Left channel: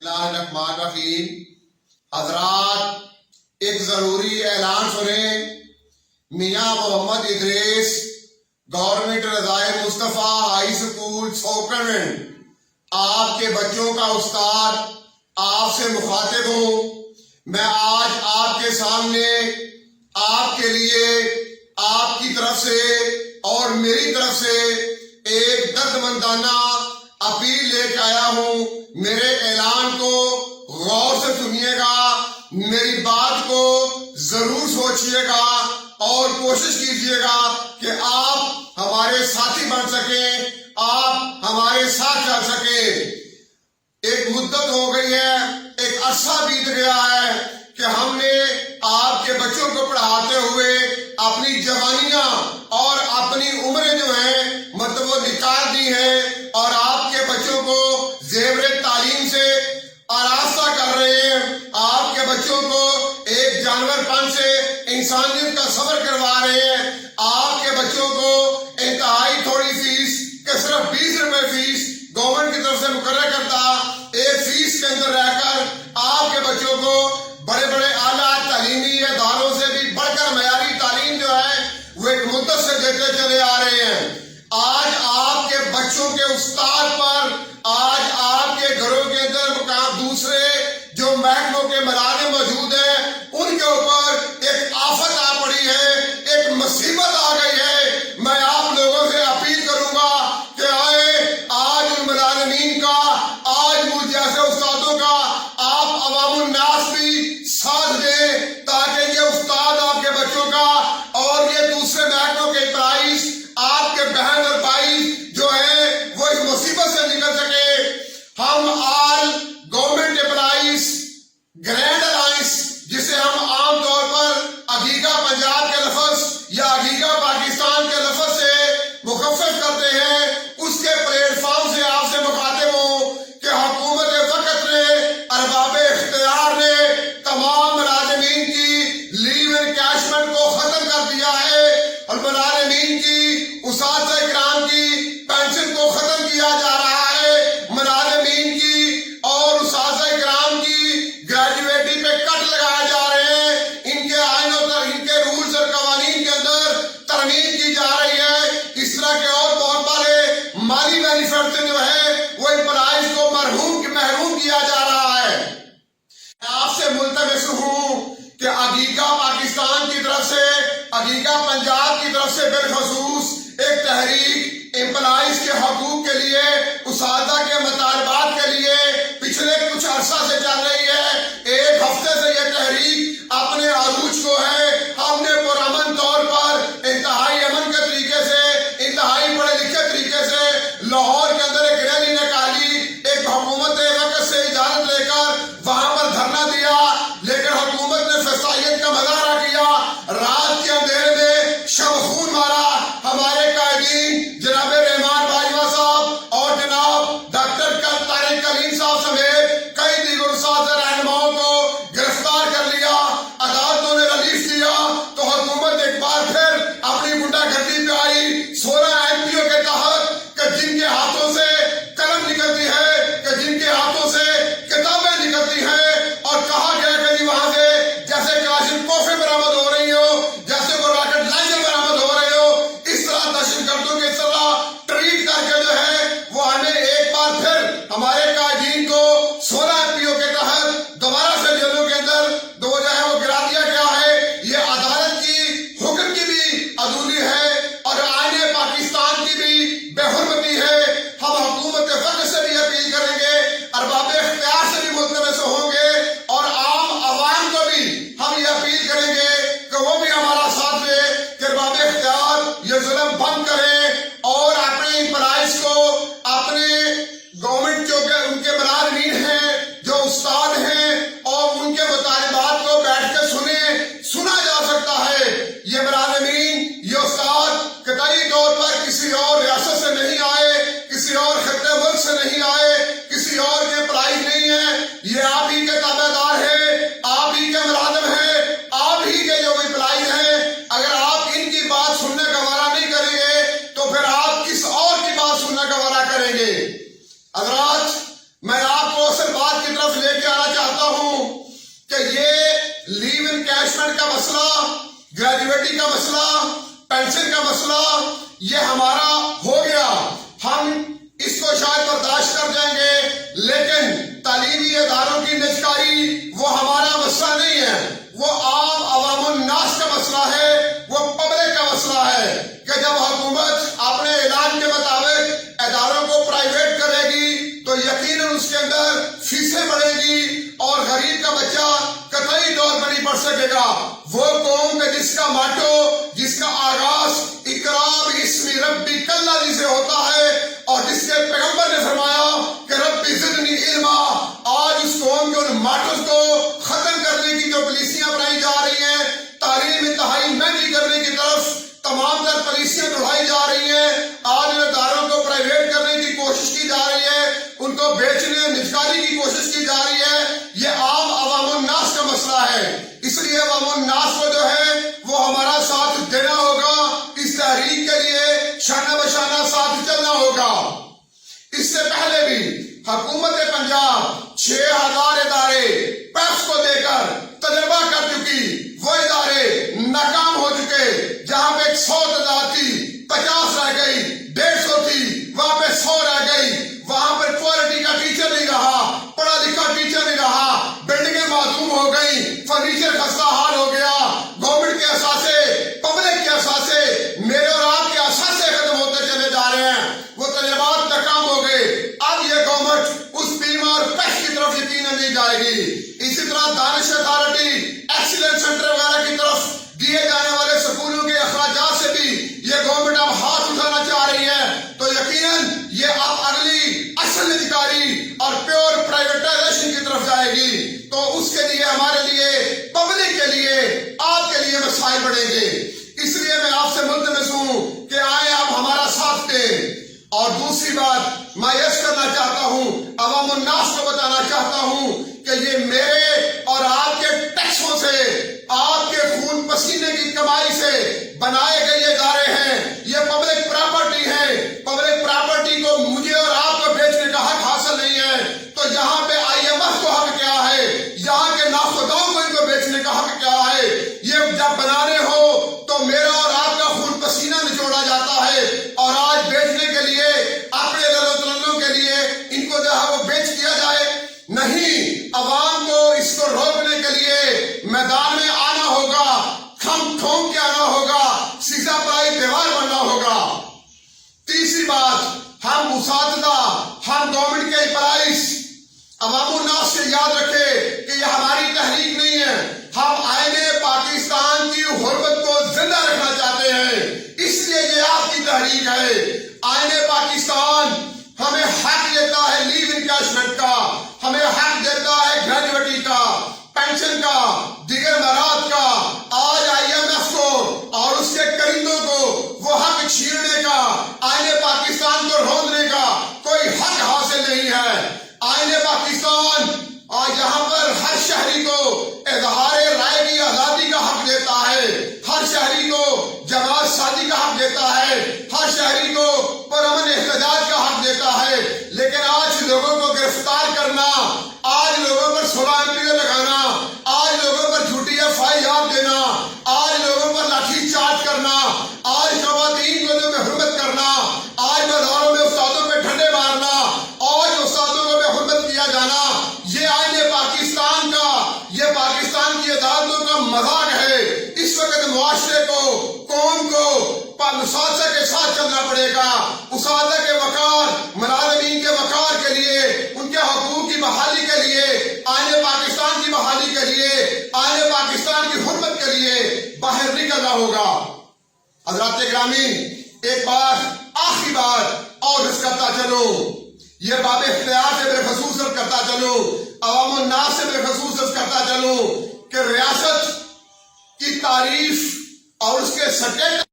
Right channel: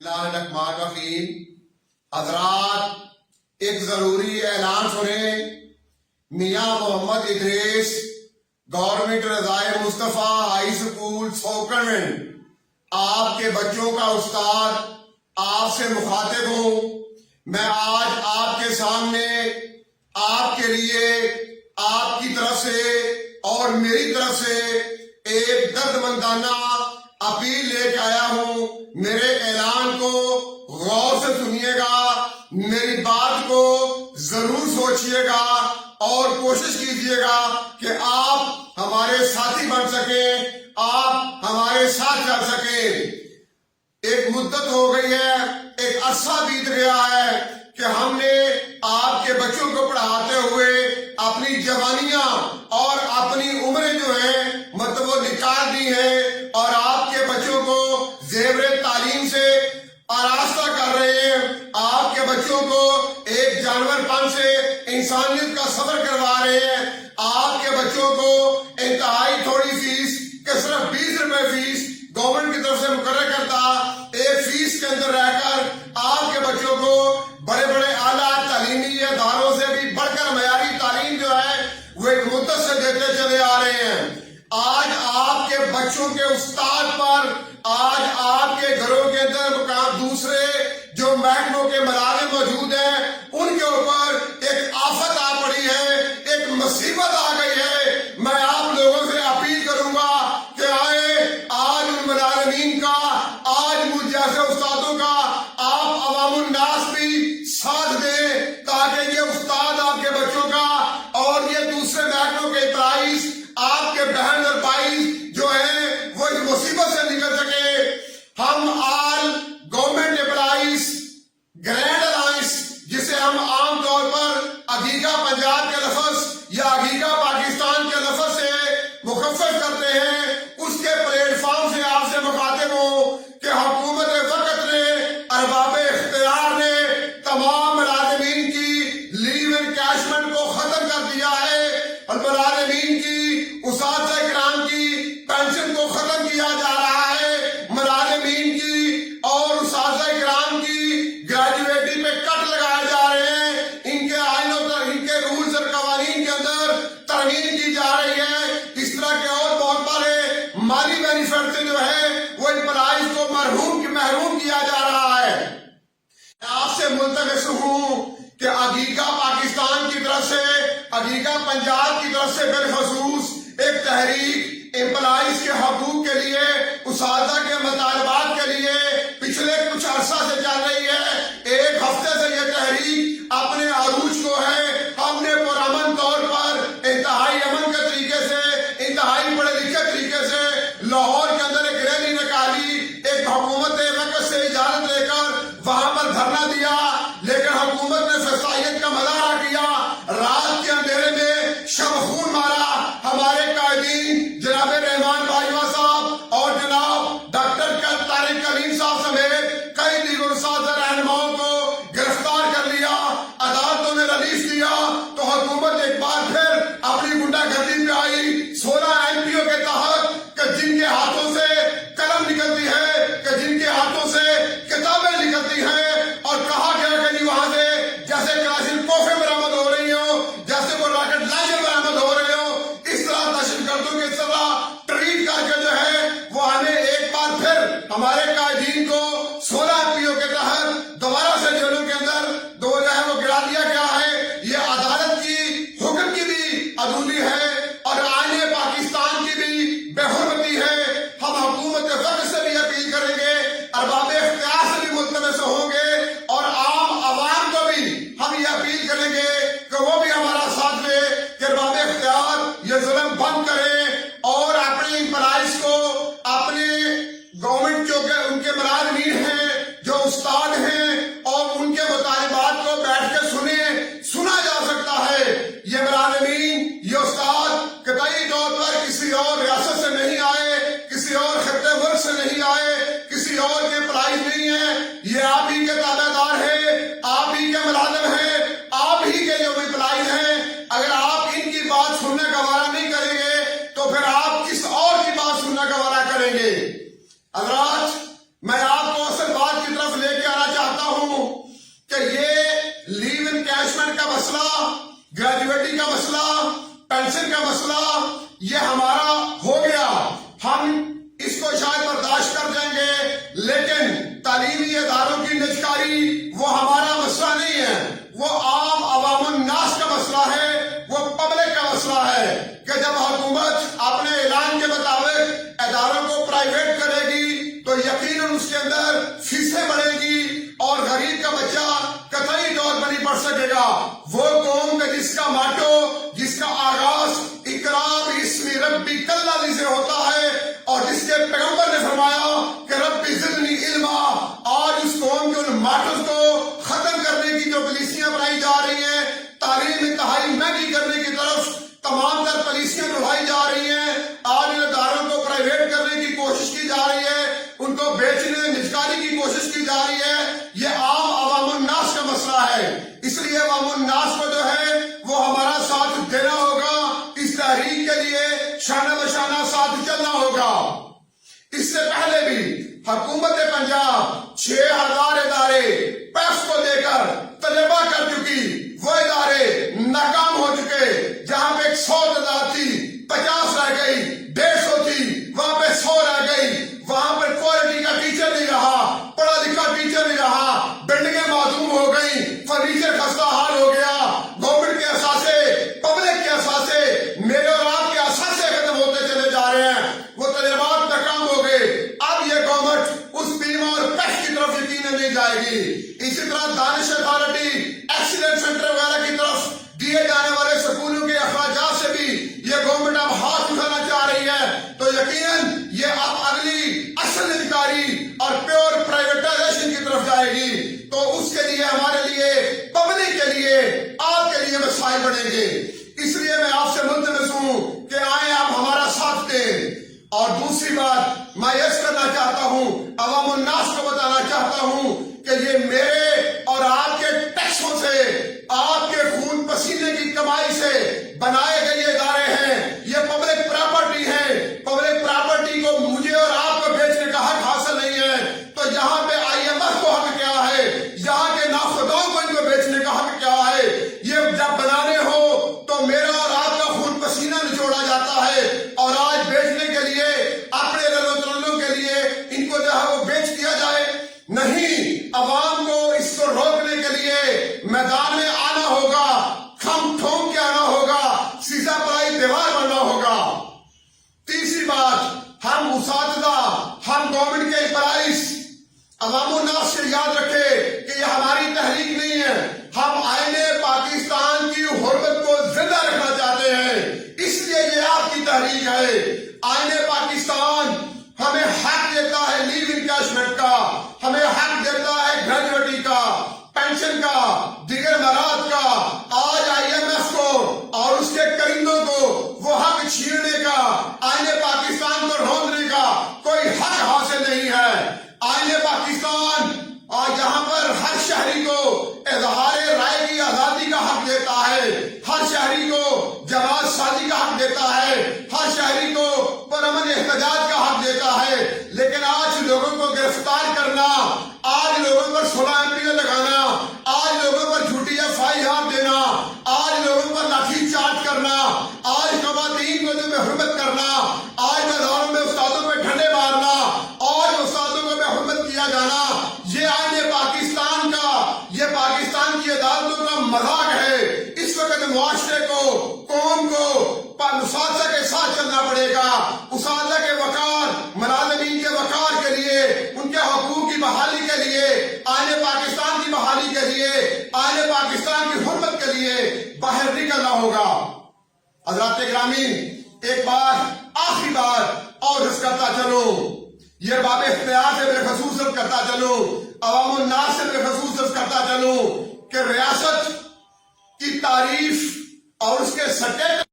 الرحمن الرحیم۔ حضرات ایک ضروری اعلان سنیں۔ میاں محمد ادریس گورنمنٹ رضائے مصطفیٰ ہائی سکول سوکرمنٹ آپ کے بچوں کا استاد آپ سے مخاطب ہوں۔ میں آج آپ کے سامنے آپ کے لیے آپ کی طرف سے اور میری طرف سے ایک دردمندانہ اپیل لے کے آیا ہوں۔ میرے اعلان کو غور سے سنیے گا، میری بات کو ضرور سوچیے گا اور کوشش کیجیے گا کہ آپ ہمارے ساتھی بن سکیں، آپ ہمارے ساتھ چل سکیں۔ ایک مدت ہو گئی ہے، ایک عرصہ بیت گیا ہے کہ ہم نے آپ کے بچوں کو پڑھاتے ہوئے اپنی جوانیاں اور اپنی عمریں جو ہیں مطلب وہ نکال دی ہیں اور آپ کے بچوں کو زیور تعلیم سے آراستہ کر رہے ہیں۔ آپ کے بچوں کو ایک جانور پن سے انسانیت کا سفر کروا رہے ہیں۔ آپ کے بچوں کو انتہائی تھوڑی فیس کہ صرف 20 روپے فیس گورنمنٹ کی طرف سے مقرر کرتا ایک فیس کے اندر رہ کر آپ کے بچوں کو بڑے بڑے اعلیٰ تعلیمی اداروں سے بھی بڑھ کر معیاری تعلیم جو ہے وہ ایک مدت سے دیتے چلے آ رہے ہیں۔ آج آپ کے بچوں کے استاد پر، آج آپ کے گھروں کے اندر دوسرے جو محکموں کے ملازم موجود ہیں ان کے اوپر ایک آفت آ پڑی ہے، ایک مصیبت آ گئی ہے۔ میں آپ لوگوں سے اپیل کروں گا کہ آئے آج ان ملازمین کا، آج مجھ جیسے استادوں کا آپ عوام الناس بھی ساتھ دیں تاکہ یہ استاد آپ کے بچوں کا اور یہ دوسرے محکموں کے پرائز آپ کے بہن اور بھائی جو ہیں وہ اس مصیبت سے نکل سکے۔ ہم آل گورنمنٹ امپلائیز گرینڈ الائنس، جسے ہم عام طور پر عقیقہ پنجاب کے لفظ یا عقیقہ پاکستان کے لفظ سے مخفف کرتے ہیں، اس کے پلیٹ فارم سے آپ سے مخاطب ہوں کہ حکومت وقت نے، ارباب اختیار نے تمام ملازمین کی لیو انکیشمنٹ کو ختم کر دیا ہے اور ملازمین کی اساتذہ کرام کی پینشن کو ختم کیا جا رہا ہے۔ ملازمین کی اور اساتذہ کرام کی گریجویٹی پہ کٹ لگائے جا رہے ہیں، ان کے آئینوں ان کے رولز اور قوانین کے اندر ترمیم کی جا رہی ہے۔ اس طرح کے اور بہت بڑے مالی بینیفٹ جو ہے وہ امپلائیز کو محروم کیا جا رہا ہے۔ آپ سے ملتمس ہوں کہ عقیقہ پاکستان کی طرف سے، عقیقہ پنجاب کی طرف سے بالخصوص ایک تحریک امپلائیز کے حقوق کے لیے، اساتذہ کے مطالبات کے لیے پچھلے کچھ عرصہ سے چل رہی ہے۔ ایک ہفتے سے یہ تحریک اپنے عروج کو ہے۔ ہم نے پرامن طور پر انتہائی امن کے طریقے سے، انتہائی پڑھے لکھے طریقے سے لاہور کے اندر ایک ریلی نکالی، ایک حکومت وقت سے اجازت لے کر وہاں پر دھرنا دیا، لیکن حکومت نے فسائیت کا مظاہرہ کیا۔ رات کے اندھیرے میں شب خون مارا۔ ہمارے قائدین جناب رحمان باجوہ صاحب اور جناب ڈاکٹر طارق کلیم صاحب سمیت کئی دیگر اساتذہ رہنماؤں کو گرفتار کر لیا، عدالتوں نے ریلیف دیا تو حکومت ایک بار پھر اپنی گنڈا گردی پہ آئی۔ 16 MP کے تحت کہ جن کے ہاتھوں سے قلم نکلتی ہے، کہ جن کے ہاتھوں سے کتابیں نکلتی ہیں، اور کہا گیا کہ وہاں سے جیسے کلاشن کوفے برآمد ہو رہی ہو، جیسے وہ راکٹ لانچر برآمد ہو رہے ہو، اس طرح دہشت گردوں کی طرح ٹریٹ کر کے جو ہے وہ ہمیں ایک بار پھر ہمارے قائدین کو 16 MP کے تحت دوبارہ سے جیلوں کے اندر جو ہے وہ گرا دیا گیا ہے۔ یہ عدالت کی حکم کی بھی عدولی ہے اور آئین پاکستان کی بھی بے حرمتی ہے۔ ہم حکومت فقر سے بھی اپیل کریں گے، ارباب اختیار سے بھی ملتمس ہوں گے اور عام عوام کو بھی ہم یہ اپیل کریں گے کہ وہ بھی ہمارا ساتھ دے کہ ارباب اختیار یہ ظلم بند کریں اور اپنے امپلائیز کو، اپنے گورنمنٹ جو کہ ان کے ملازمین ہیں، جو استاد ہیں، اور ان کے مطالبات کو بیٹھ کے سنا جا سکتا ہے۔ یہ ملازمین، یہ استاد قطعی طور پر کسی اور ریاست سے نہیں آئے، کسی اور خطے ملک سے نہیں آئے، کسی اور کے پرائز نہیں ہیں، یہ آپ ہی کے تابع دار ہیں، آپ ہی کے ملازم ہیں، آپ ہی کے جو امپلائیز ہیں۔ اگر آپ ان کی بات سننے کا وعدہ نہیں کریں گے تو پھر آپ کس اور کی بات سننے کا وعدہ کریں گے؟ حضرات، میں آپ کو اصل بات کی طرف طرف لے کے آنا چاہتا ہوں کہ یہ لیو انکیشمنٹ کا مسئلہ، گریجویٹی کا مسئلہ، پینشن کا مسئلہ یہ ہمارا ہو گیا، ہم اس کو شاید برداشت کر جائیں گے، لیکن تعلیمی اداروں کی نجکاری وہ ہمارا مسئلہ نہیں ہے، وہ عام عوام الناس کا مسئلہ ہے، وہ پبلک کا مسئلہ ہے کہ جب حکومت اپنے اعلان کے مطابق اداروں کو پرائیویٹ کرے گی تو یقیناً اس کے اندر فیسیں بڑھیں گی اور غریب کا بچہ قطعی طور پر نہیں پڑھ سکے گا۔ وہ قوم کہ جس کا ماٹو، جس کا آغاز اقرا باسم ربک الذی سے ہوتا ہے اور جس کے پیغمبر نے فرمایا کہ رب زدنی علما، آج اس قوم کے ان ماٹوز کو ختم کرنے کی جو پالیسیاں بنائی جا رہی ہیں، تعلیم انتہائی مہنگی کرنے کی طرف تمام تر پالیسیاں بڑھائی جا رہی ہیں، آج ان اداروں کو پرائیویٹ کرنے کی کوشش کی جا رہی ہے، ان کو بیچنے نجکاری کی کوشش کی جا رہی ہے، یہ عام عوام الناس کا مسئلہ ہے۔ اس لیے عوام الناس کو جو ہے وہ ہمارا ساتھ دینا ہوگا، اس تحریک کے لیے شانہ بشانہ ساتھ چلنا ہوگا۔ اس سے پہلے بھی حکومت پنجاب 6000 ادارے پیپس کو دے کر تجربہ کر چکی، وہ ادارے ناکام ہو چکے، جہاں پہ 100 تعداد تھی 50 رہ گئی، 150 تھی وہاں پہ 100 رہ گئی، وہاں پہ کوالٹی کا ٹیچر نہیں رہا، پڑھا لکھا ٹیچر نہیں رہا، بلڈنگیں معدوم ہو گئی، فرنیچر خستہ حال ہو گیا، گورنمنٹ کے اثاثے، پبلک کے اثاثے، میرے اور آپ کے اثاثے ختم ہوتے چلے جا رہے ہیں، وہ تجربات ناکام ہو گئے۔ اب یہ گورنمنٹ اس بیمہ اور پیسٹ کی طرف یقیناً نہیں جائے گی۔ اسی طرح دانش اتھارٹی، ایکسیلنس سینٹر وغیرہ کی طرف دیے جانے والے سکولوں کے اخراجات سے بھی یہ گورنمنٹ اب ہاتھ اٹھانا چاہ رہی ہے، تو یقیناً یہ اب اگلی اصل نجکاری اور پیور پرائیویٹائزیشن کی طرف جائے گی، تو اس کے لیے ہمارے لیے، پبلک کے لیے، آپ کے لیے مسائل بڑھیں گے۔ اس لیے میں آپ سے ملتمس ہوں کہ آئیں آپ ہمارا ساتھ دیں۔ اور دوسری بات میں یہ کرنا چاہتا ہوں، عوام الناس کو بتانا چاہتا ہوں کہ یہ میرے اور آپ کے ٹیکسوں سے، آپ کے خون پسینے کی کمائی سے بنائے گئے یہ ادارے ہیں، یہ پبلک پراپرٹی ہیں، پبلک پراپرٹی کو مجھے اور آپ کو بیچنے کا حق حاصل نہیں ہے، تو یہاں پہ IMF کو حق کیا ہے، یہاں کے ناخداؤں کو ان کو بیچنے کا حق کیا ہے؟ یہ جب بنانے ہو تو میرا اور آپ کا خون پسینہ نچوڑا جاتا ہے، اور آج بیچنے کے لیے، اپنے للو تلنوں کے لیے ان کو جو ہے وہ بیچ دیا جائے؟ نہیں، عوام کو اس کو روکنے کے لیے میدان میں آنا ہوگا، کھم ٹھونک کے آنا ہوگا، سیسا پرائی دیوار بننا ہوگا۔ تیسری بات، ہم اساتذہ، ہم گورنمنٹ کے امپلائیز، عوام الناس سے یاد رکھے کہ یہ ہماری تحریک نہیں ہے، ہم آئین پاکستان کی حرمت کو زندہ رکھنا چاہتے ہیں، اس لیے یہ آپ کی تحریک ہے۔ آئین پاکستان ہمیں حق دیتا ہے لیو انکیشمنٹ کا، ہمیں حق دیتا ہے گریجویٹی کا، پینشن کا، دیگر مراد کا۔ آج IMF کو اور اس کے کرندوں کو وہ حق چھیننے کا، آئین پاکستان کو روندنے کا کوئی حق حاصل نہیں ہے۔ آئین پاکستان آج یہاں پر ہر شہری کو اظہار رائے کی آزادی کا حق دیتا ہے، ہر شہری کو جماعت سازی کا حق دیتا ہے، ہر شہری کو پرامن احتجاج کا حق دیتا ہے، لیکن آج لوگوں کو گرفتار کرنا، آج لوگوں پر 16 MP لگانا، آج لوگوں پر جھوٹی FIR دینا، آج لوگوں پر لاٹھی چارج کرنا، آج خواتین کو جو بے حرمت کرنا، آج بازاروں میں استادوں پہ ڈنڈے مارنا، آج استادوں کو بے حرمت کیا جانا، یہ آئین پاکستان کا، یہ پاکستان کی عدالتوں کا مذاق ہے۔ اس وقت معاشرے کو، قوم کو اساتذہ کے ساتھ چلنا پڑے گا، اساتذہ کے وقار، ملازمین کے وقار کے لیے، ان کے حقوق کی بحالی کے لیے، آئین پاکستان کی بحالی کے لیے، آئین پاکستان کی حرمت کے لیے باہر نکلنا ہوگا۔ حضرات گرامی، ایک بار آخری بات اور اس کرتا چلوں، یہ باب اختیار سے میرے خصوص کرتا چلوں، عوام الناس سے میرے خصوص کرتا چلوں کہ ریاست کی تعریف اور اس کے سٹیٹس